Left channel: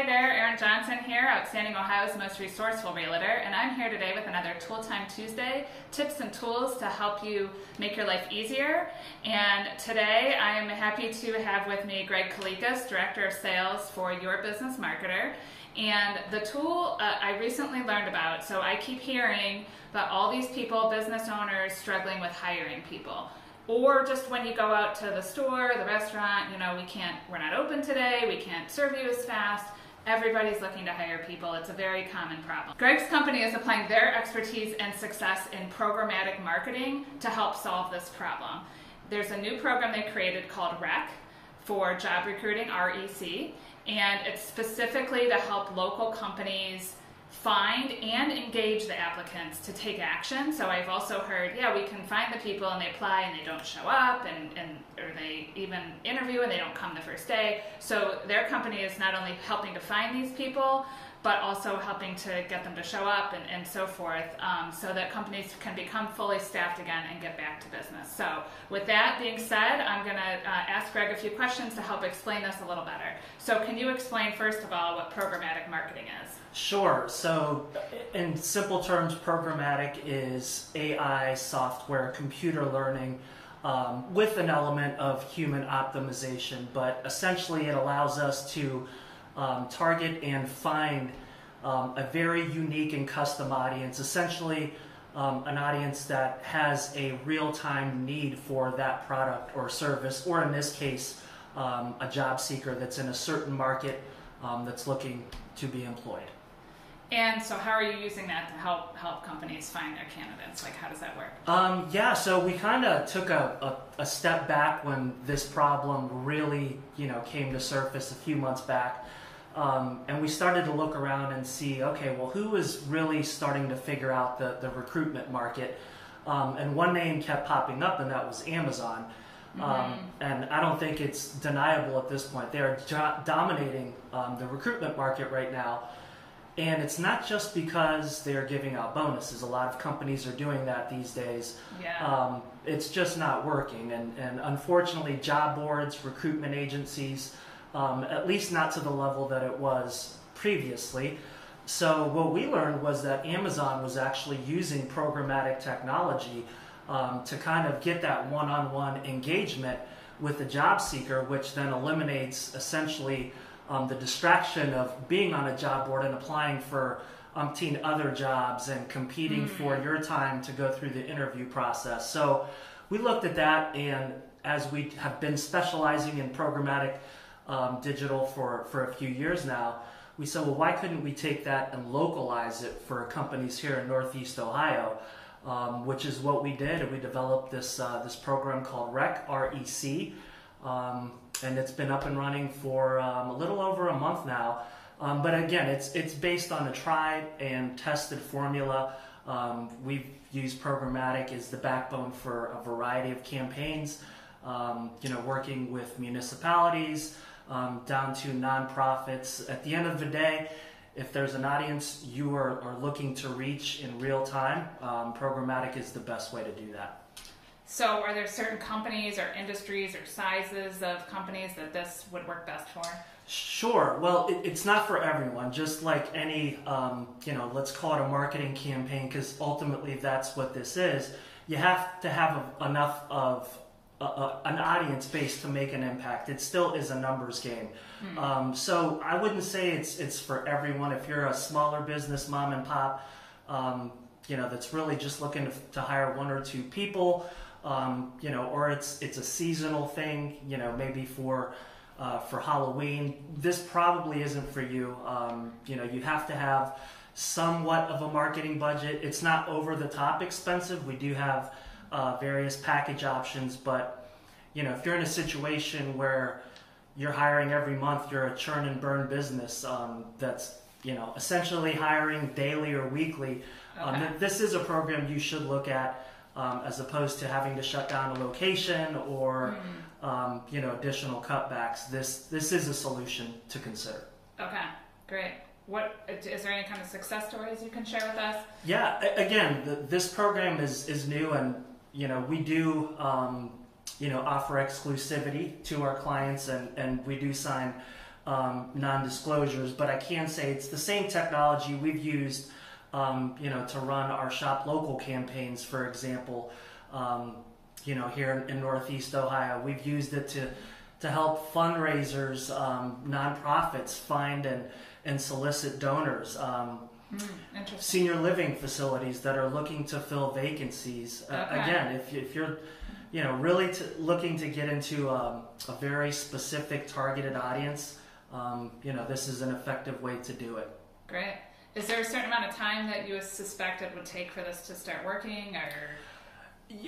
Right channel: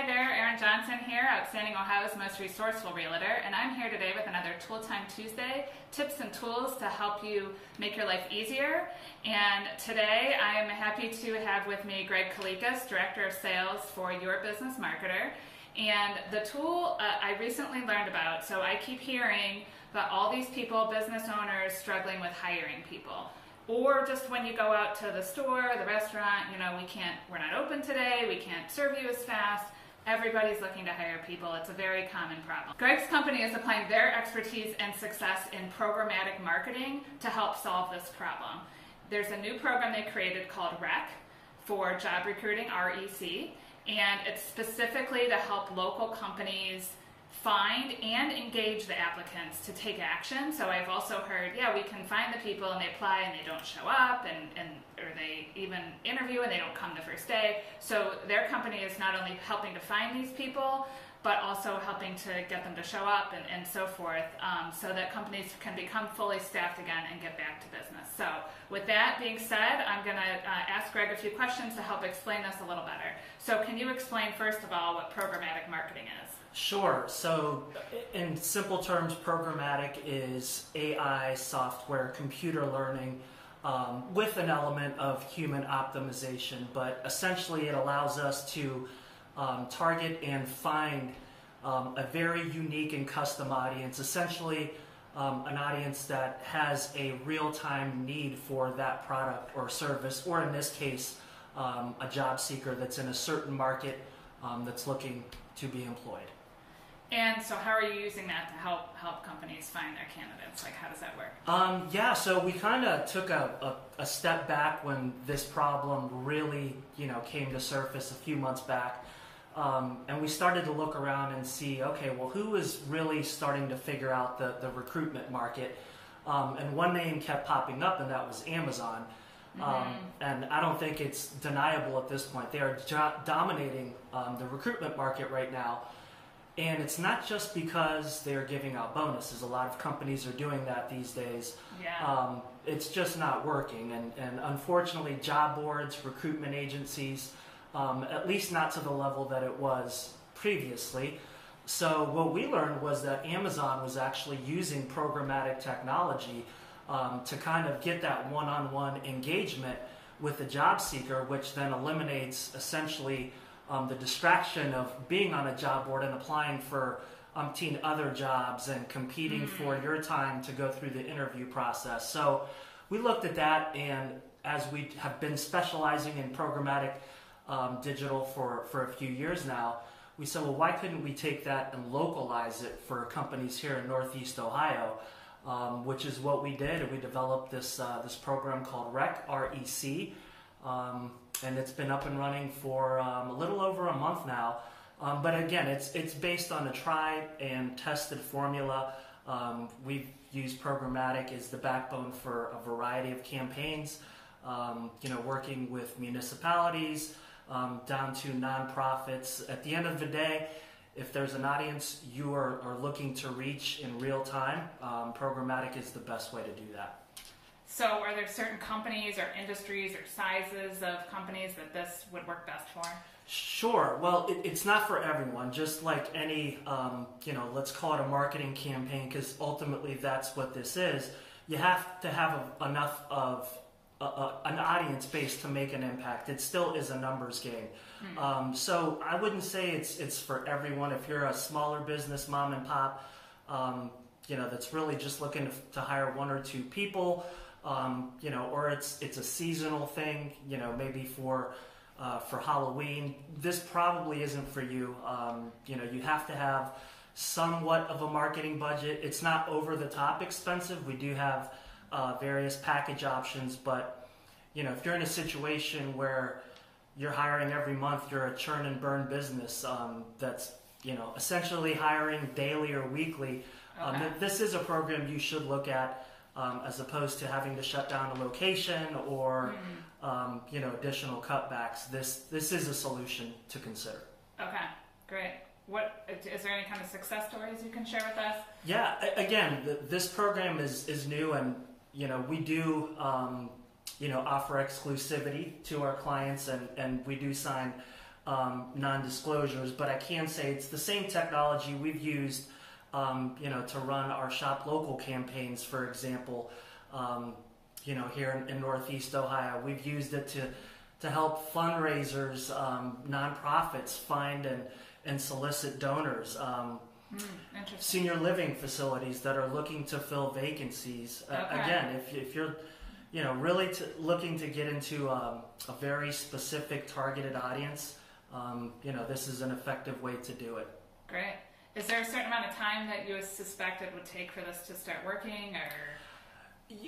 Hi there, Erin Johnson here, Outsanding Ohio's most resourceful realtor, and I'm here today with another TOOLTIME Tuesday, tips and tools to help you make your life easier. And today I am happy to have with me Greg Kalikas, Director of Sales for Your Business Marketer. And the tool I recently learned about, so I keep hearing about all these people, business owners, struggling with hiring people. Or just when you go out to the store, the restaurant, we're not open today, we can't serve you as fast. Everybody's looking to hire people. It's a very common problem. Greg's company is applying their expertise and success in programmatic marketing to help solve this problem. There's a new program they created called REC for job recruiting, REC, and it's specifically to help local companies find and engage the applicants to take action. So I've also heard, we can find the people and they apply and they don't show up, or they even interview and they don't come the first day. So their company is not only helping to find these people, but also helping to get them to show up and so forth, so that companies can become fully staffed again and get back to business. So with that being said, I'm going to ask Greg a few questions to help explain this a little better. So can you explain first of all what programmatic marketing is? Sure. So in simple terms, programmatic is AI software, computer learning, with an element of human optimization, but essentially it allows us to target and find a very unique and custom audience, essentially an audience that has a real-time need for that product or service, or in this case, a job seeker that's in a certain market that's looking to be employed. And so how are you using that to help companies find their candidates? Like, how does that work? So we kind of took a step back when this problem really, came to surface a few months back. And we started to look around and see, okay, well, who is really starting to figure out the recruitment market? And one name kept popping up, and that was Amazon. And I don't think it's deniable at this point. They are dominating the recruitment market right now. And it's not just because they're giving out bonuses. A lot of companies are doing that these days. Yeah. It's just not working. And unfortunately, job boards, recruitment agencies, at least not to the level that it was previously. So what we learned was that Amazon was actually using programmatic technology to kind of get that one-on-one engagement with the job seeker, which then eliminates essentially the distraction of being on a job board and applying for umpteen other jobs and competing for your time to go through the interview process. So we looked at that, and as we have been specializing in programmatic digital for a few years now, we said, well, why couldn't we take that and localize it for companies here in Northeast Ohio, which is what we did. And we developed this program called REC, R-E-C, and it's been up and running for a little over a month now. But again, it's based on a tried and tested formula. We've used programmatic as the backbone for a variety of campaigns, working with municipalities, down to nonprofits. At the end of the day, if there's an audience you are looking to reach in real time, programmatic is the best way to do that. So are there certain companies or industries or sizes of companies that this would work best for? Sure. Well, it's not for everyone. Just like any, let's call it a marketing campaign, because ultimately that's what this is. You have to have enough of an audience base to make an impact. It still is a numbers game. So I wouldn't say it's for everyone. If you're a smaller business, mom and pop, that's really just looking to hire one or two people, or it's a seasonal thing, maybe for Halloween, this probably isn't for you. You have to have somewhat of a marketing budget. It's not over the top expensive. We do have various package options, but if you're in a situation where you're hiring every month, you're a churn and burn business that's essentially hiring daily or weekly. Okay. This is a program you should look at as opposed to having to shut down a location or additional cutbacks. This is a solution to consider. Okay, great. What is there any kind of success stories you can share with us? Yeah, again, this program is new, and we do offer exclusivity to our clients, and we do sign non-disclosures, but I can say it's the same technology we've used, to run our Shop Local campaigns, for example. Here in Northeast Ohio, we've used it to help fundraisers, nonprofits find and solicit donors. Senior living facilities that are looking to fill vacancies. Again, if you're really looking to get into a very specific targeted audience, this is an effective way to do it. Great. Is there a certain amount of time that you suspect it would take for this to start working, or?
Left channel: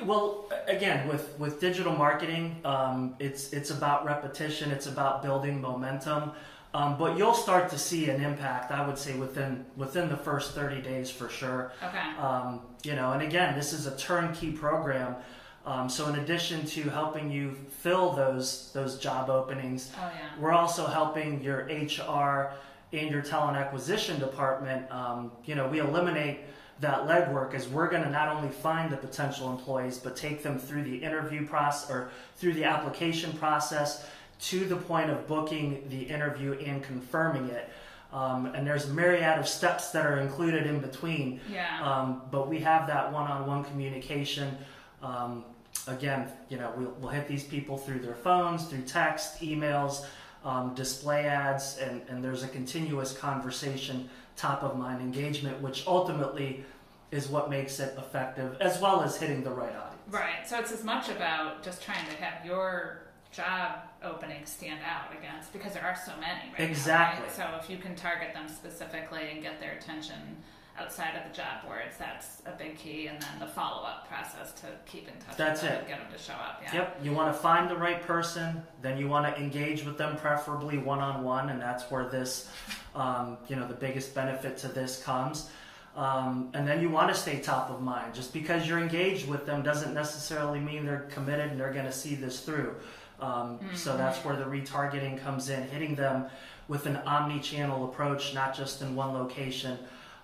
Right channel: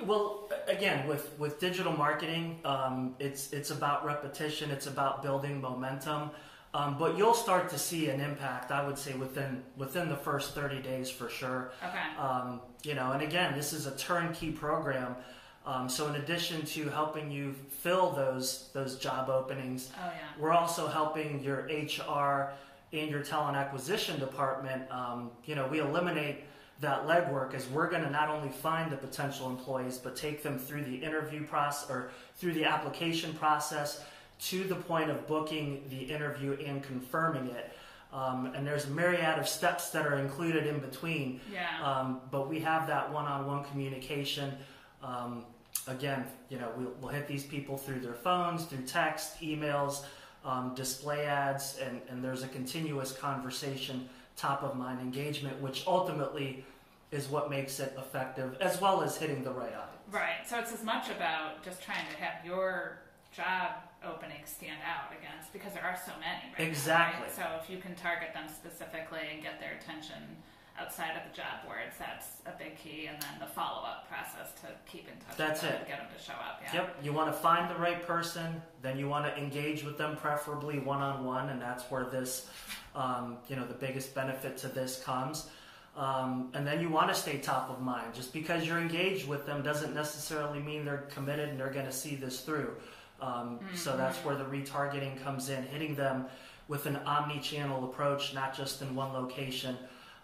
Well, again, with digital marketing, it's about repetition. It's about building momentum. But you'll start to see an impact, I would say, within the first 30 days for sure. Okay. And again, this is a turnkey program. So in addition to helping you fill those job openings, we're also helping your HR and your talent acquisition department. We eliminate that legwork, as we're going to not only find the potential employees, but take them through the interview process or through the application process to the point of booking the interview and confirming it. And there's a myriad of steps that are included in between. But we have that one-on-one communication. Again, we'll hit these people through their phones, through text, emails, display ads, and there's a continuous conversation, top of mind engagement, which ultimately is what makes it effective, as well as hitting the right audience. Right. So it's as much about just trying to have your job openings stand out against, because there are so many right Exactly. now, right? So if you can target them specifically and get their attention outside of the job boards, that's a big key. And then the follow-up process to keep in touch with them and get them to show up. Yep. You want to find the right person, then you want to engage with them, preferably one-on-one, and that's where this, the biggest benefit to this comes. And then you want to stay top of mind. Just because you're engaged with them doesn't necessarily mean they're committed and they're going to see this through. So that's where the retargeting comes in, hitting them with an omni-channel approach, not just in one location.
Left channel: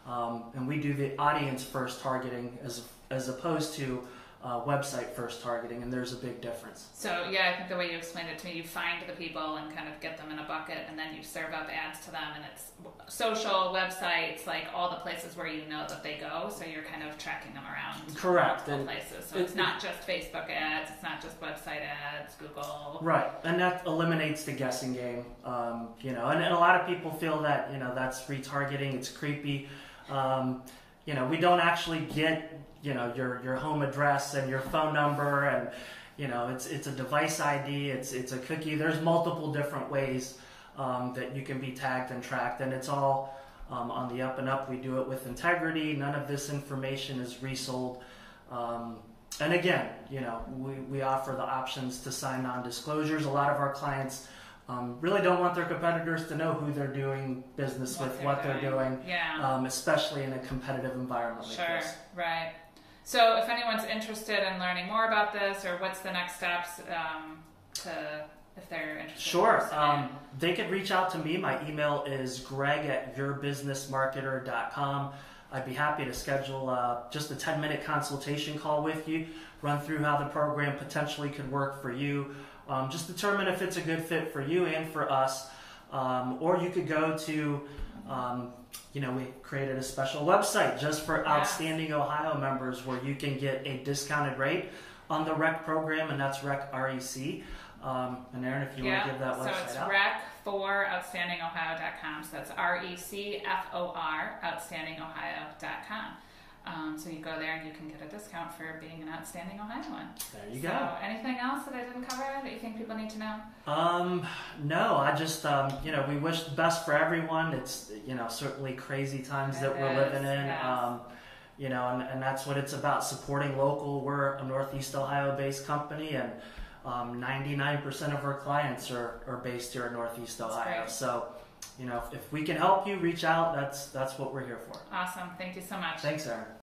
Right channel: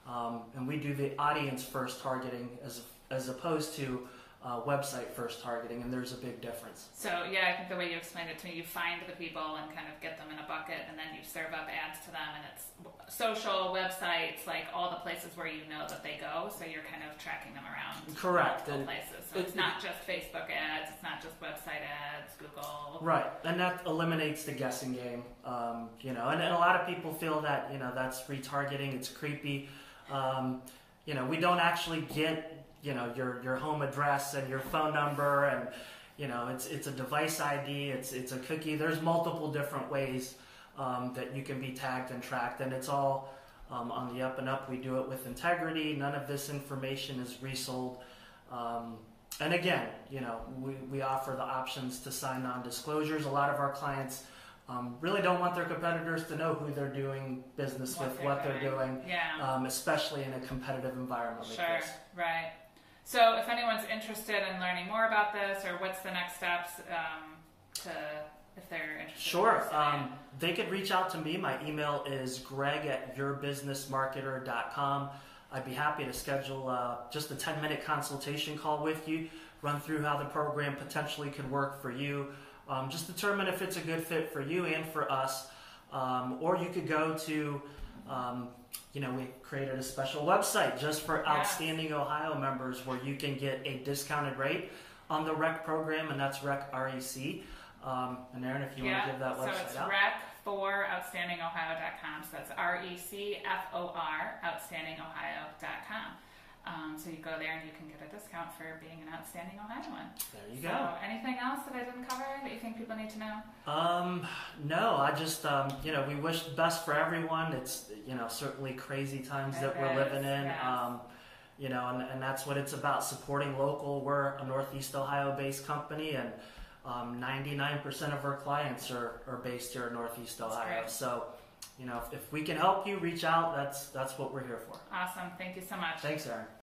And we do the audience first targeting as opposed to website first targeting, and there's a big difference. So I think the way you explained it to me, you find the people and kind of get them in a bucket, and then you serve up ads to them, and it's social, websites, like all the places where you know that they go, so you're kind of tracking them around. Correct. Multiple places. So it's not just Facebook ads, it's not just website ads, Google. Right, and that eliminates the guessing game. And a lot of people feel that that's retargeting, it's creepy. We don't actually get your home address and your phone number, and it's a device ID, it's a cookie. There's multiple different ways that you can be tagged and tracked, and it's all on the up and up. We do it with integrity. None of this information is resold. And again, we offer the options to sign non-disclosures. A lot of our clients really don't want their competitors to know who they're doing business with, what they're doing, especially in a competitive environment like this. Sure, right. So if anyone's interested in learning more about this, or what's the next steps if they're interested? Sure. They could reach out to me. My email is greg@yourbusinessmarketer.com. I'd be happy to schedule just a 10-minute consultation call with you, run through how the program potentially could work for you, just determine if it's a good fit for you and for us. Or you could go to, we created a special website just for Outsanding Ohio members where you can get a discounted rate on the REC program, and that's REC, REC. And Erin, if you want to give that website out. So it's rec4outstandingohio.com. So that's RECFOR, outstandingohio.com. So you go there and you can get a discount for being an outstanding Ohioan. There you go. So anything else that I didn't cover that you think people need to know? No, I just, we wish the best for everyone. It's, certainly crazy times that we're living in. Yes. And that's what it's about, supporting local. We're a Northeast Ohio-based company, and 99% of our clients are based here in Northeast Ohio. So, if we can help you, reach out. That's what we're here for. Awesome. Thank you so much. Thanks, Erin.